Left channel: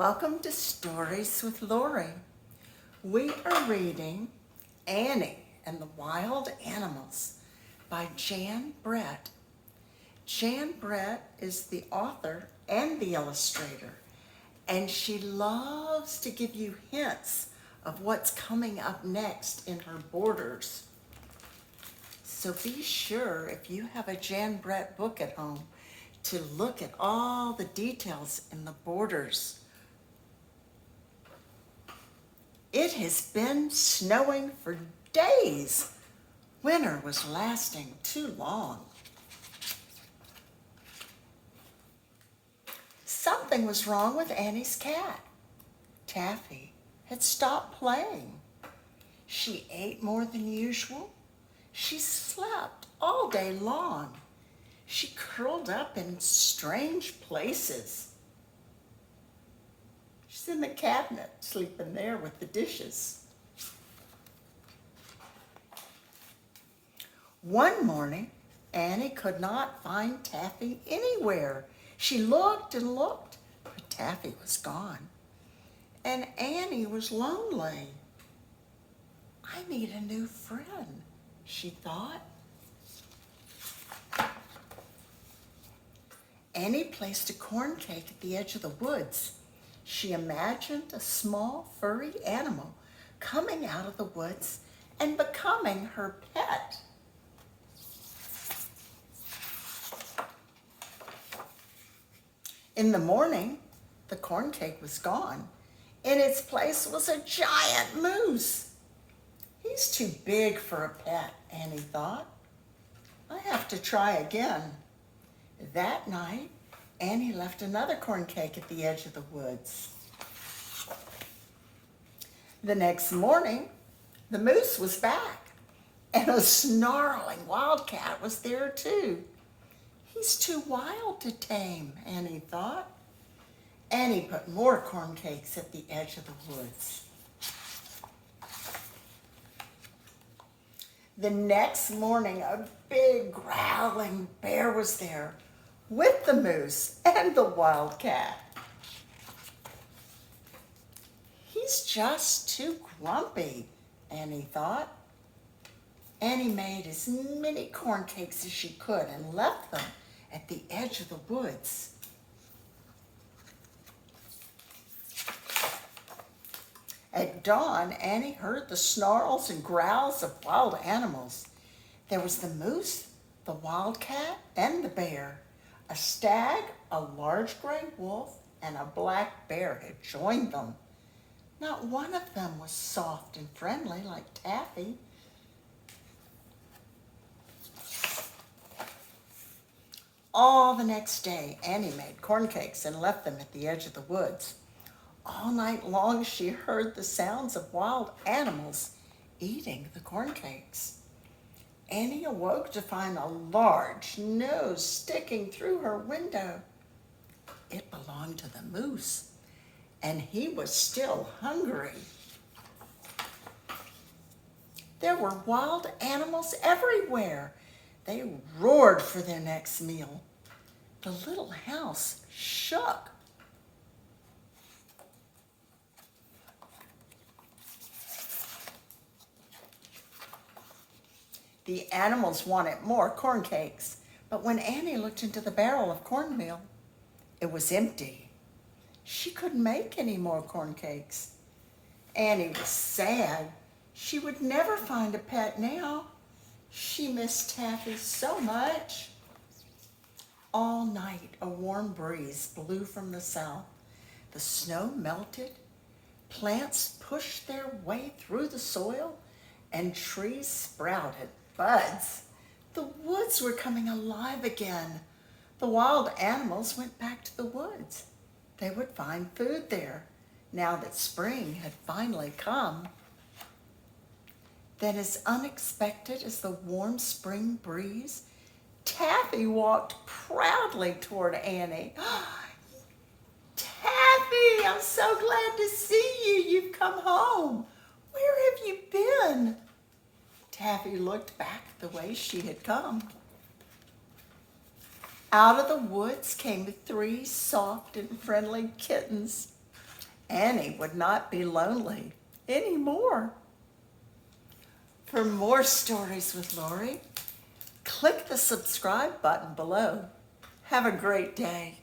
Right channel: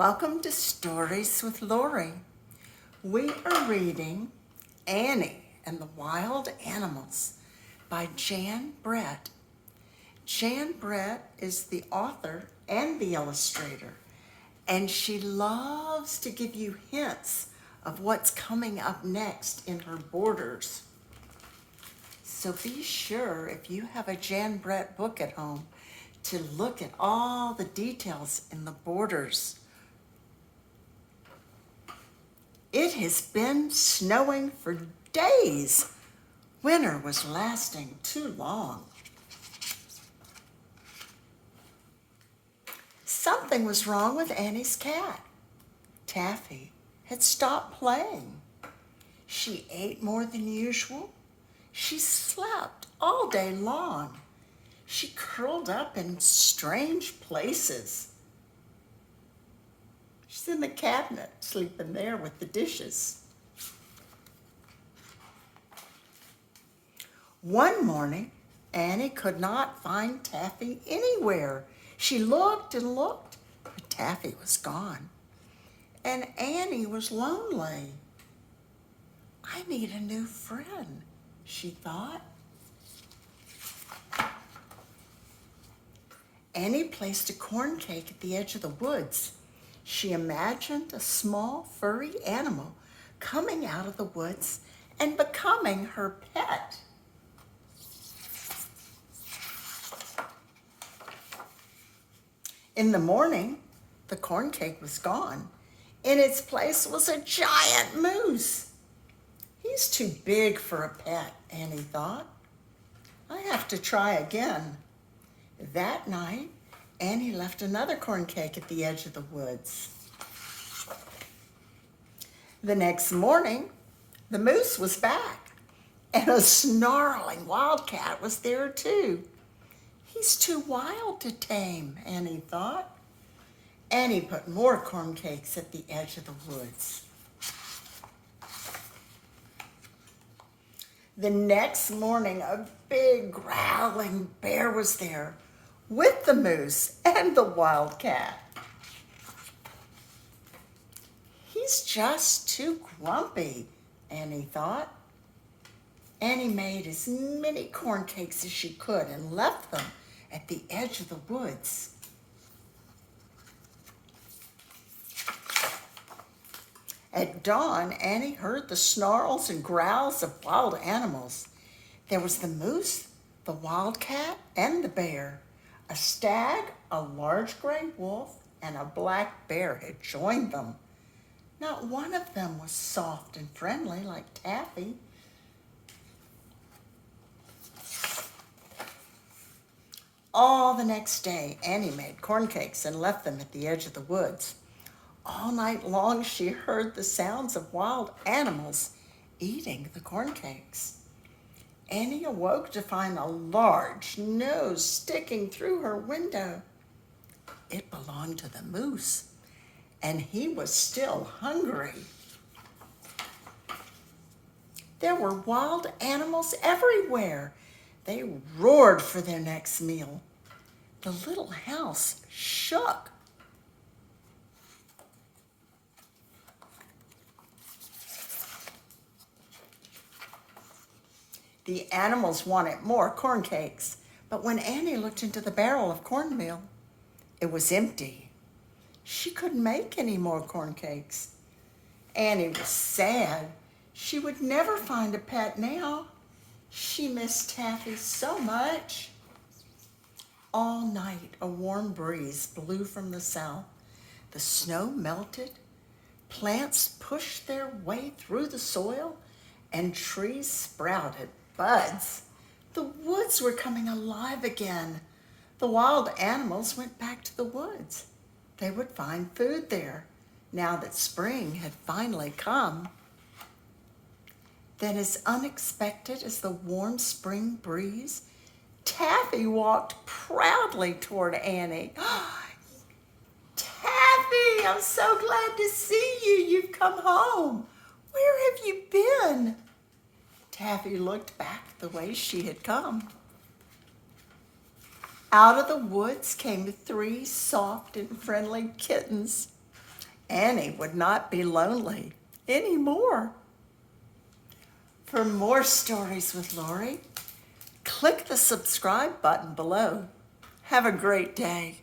Welcome to Stories with Lori. We are reading Annie and the Wild Animals by Jan Brett. Jan Brett is the author and the illustrator, and she loves to give you hints of what's coming up next in her borders. So be sure, if you have a Jan Brett book at home, to look at all the details in the borders. It has been snowing for days. Winter was lasting too long. Something was wrong with Annie's cat. Taffy had stopped playing. She ate more than usual. She slept all day long. She curled up in strange places. She's in the cabinet, sleeping there with the dishes. One morning, Annie could not find Taffy anywhere. She looked and looked, but Taffy was gone. And Annie was lonely. I need a new friend, she thought. Annie placed a corn cake at the edge of the woods. She imagined a small furry animal coming out of the woods and becoming her pet. In the morning, the corn cake was gone. In its place was a giant moose. He's too big for a pet, Annie thought. I have to try again. That night, Annie left another corn cake at the edge of the woods. The next morning, the moose was back, and a snarling wildcat was there too. He's too wild to tame, Annie thought. Annie put more corn cakes at the edge of the woods. The next morning, a big growling bear was there with the moose and the wildcat. He's just too grumpy, Annie thought. Annie made as many corn cakes as she could and left them at the edge of the woods. At dawn, Annie heard the snarls and growls of wild animals. There was the moose, the wildcat, and the bear. A stag, a large gray wolf, and a black bear had joined them. Not one of them was soft and friendly like Taffy. All the next day, Annie made corn cakes and left them at the edge of the woods. All night long, she heard the sounds of wild animals eating the corn cakes. Annie awoke to find a large nose sticking through her window. It belonged to the moose, and he was still hungry. There were wild animals everywhere. They roared for their next meal. The little house shook. The animals wanted more corn cakes, but when Annie looked into the barrel of cornmeal, it was empty. She couldn't make any more corn cakes. Annie was sad. She would never find a pet now. She missed Taffy so much. All night, a warm breeze blew from the south. The snow melted. Plants pushed their way through the soil, and trees sprouted buds. The woods were coming alive again. The wild animals went back to the woods. They would find food there, now that spring had finally come. Then, as unexpected as the warm spring breeze, Taffy walked proudly toward Annie. Taffy, I'm so glad to see you. You've come home. Where have you been? Taffy looked back the way she had come. Out of the woods came 3 soft and friendly kittens. Annie would not be lonely anymore. For more stories with Lori, click the subscribe button below. Have a great day.